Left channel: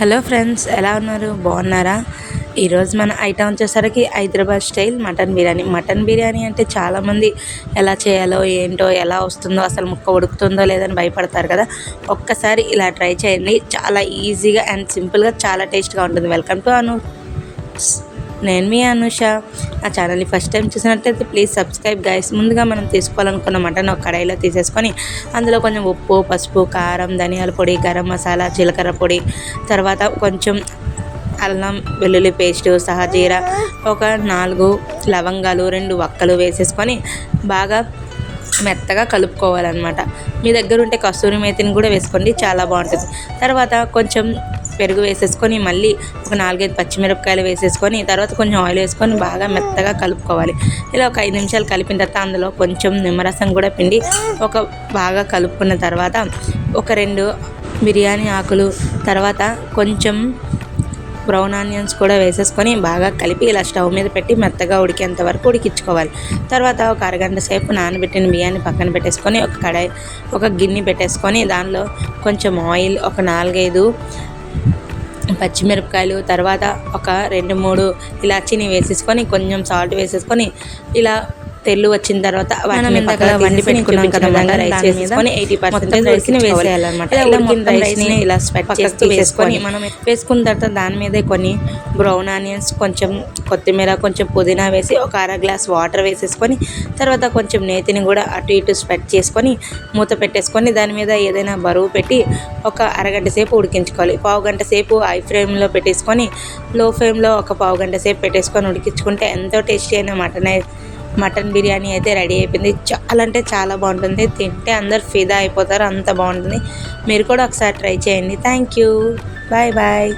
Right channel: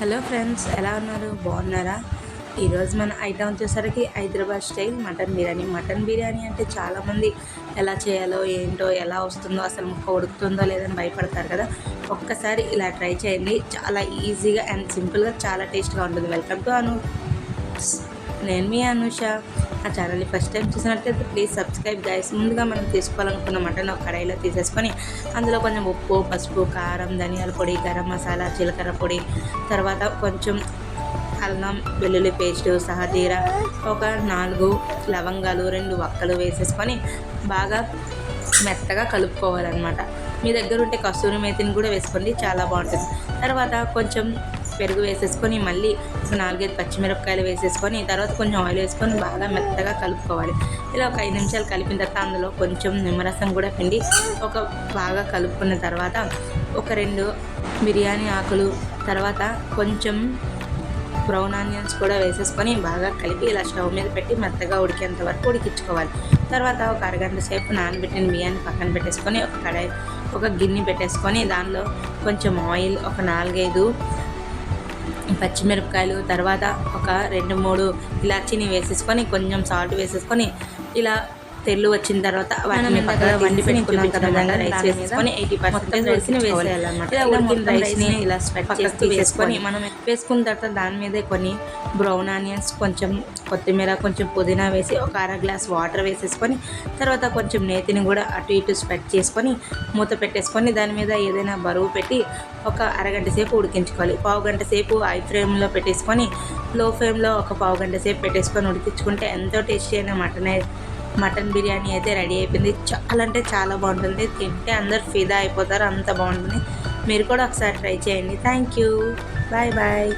Hello friends ఎలా ఉన్నారు? బాగున్నారా? ఈరోజు మన ఐటమ్ వచ్చేసరికి Hyderabad style mutton biryani. Mutton biryani అంటే చాలామంది ఎలా చేయాలో ఏంటో ఎలా వస్తుందో అసలు ముక్క ఉడుకుతుందో లేదని భయపడతారు కదా. ఒక్కసారి ఇలా ట్రై చేయండి. చాలా ఈజీగా అండ్ సింపుల్గా చాలా టేస్ట్గా ఉంటుంది. Welcome to Anu. నేను మీ అనుష. ఆ ఛానల్ని ఫస్ట్ టైం చూసినట్లయితే ప్లీజ్ సబ్స్క్రైబ్ గైస్ ముందుగా మనం తీసుకోవాలనుకున్న మటన్ ఒక కడాయిలో తీసేసుకొని అందులో కొంచెం ఉప్పు పసుపు కారం ధనియాల పొడి గరం మసాలా జీలకర్ర పొడి తర్వాత కొంచెం అల్లం వెల్లుల్లి పేస్టు సహజీరా ఒక నాలుగు లవంగాలు రెండు వక్కలు వేసేసుకొని బాగా మెత్తగా కలుపుకోవాలన్నమాట. మీ దగ్గర ఉంటే కస్తూరి మేతిని కూడా వేసుకోండి చాలా బాగుంటుంది. తర్వాత కొంచెం పెరుగు వేసేసుకొని మళ్ళీ ఒక నాలుగైదు పచ్చిమిరపకాయలు వేసేసుకొని తర్వాత కొంచెం ఆయిల్ వేసుకొని బాగా మెత్తగా కలుపుకోవాలి. ఇలా ఒక ఐదు నిమిషాలు కలిపిన తర్వాత అందులో కొంచెం నిమ్మరసం కూడా పిండి ఒక బాగా కలుపుకున్న తర్వాత ఒక రెండు బిర్యానీ ఆకులు తర్వాత కొంచెం బ్రౌన్ ఆనియన్స్ కూడా వేసేసుకొని బాగా కలిపి ఇలా స్టవ్ మీద పెట్టి మెత్తగా ఉడికేంత వరకు ఉడికించుకోవాలి. తర్వాత ఒక అరగంట సేపు నానబెట్టిన బియ్యాన్ని పక్కన పెట్టేసుకొని ఒక కడాయి ఒక గిన్నె పెట్టేసుకొని దానిలో కొంచెం ఆయిల్ ఒక నాలుగైదు పచ్చిమిరపకాయలు తర్వాత ఒక రెండు మూడు ఇలాచీని వేసేసుకొని కొంచెం సాల్ట్ వేసేసుకొని ఇలా తెల్లు వచ్చిన తర్వాత వాటిని పక్కన వండి పెట్టుకున్నాం కదా మళ్ళీ రైస్ వేసుకొని ఎయిటీ పర్సెంటేజ్ రైస్ని వేసేయాలన్నమాట ఇలా ఉడికిన రైస్ని ఇలా స్వెట్ చేసి వేసుకొని మనం వేసుకున్న తర్వాత దాని మీద కొన్ని బ్రౌన్ ఆనియన్స్ కొంచెం కొత్తిమీర కొంచెం పుదీనా వేసి ఒక అర గ్లాస్ వాటర్ వేసేసుకొని తర్వాత కొంచెం నేతిని కూడా అటు ఇటు స్ప్రెడ్ చేసుకొని మూత పెట్టేసుకొని దాని మీద ఏదైనా బరువు పెట్టి ఒక అరగంట సేపు ఉడికించుకోవాలి. పావు గంట సేపు హై ఫ్లేమ్లో పెట్టేసుకొని లో ఫ్లేమ్లో ఒక పావు గంట సేపు పెట్టేసుకొని ఉడికించుకుంటే ఎంతో టేస్టీ అయిన మటన్ మటన్ బిర్యానీ అయితే రెడీ అయిపోయింది. చాలా అంటే చాలా బాగుంటుంది. తింటే అందరు ఫిదా అయిపోతారు. అంత బాగుంటుంది. మీరు కూడా ఒకసారి ట్రై చేయండి. Thank you. Bye bye.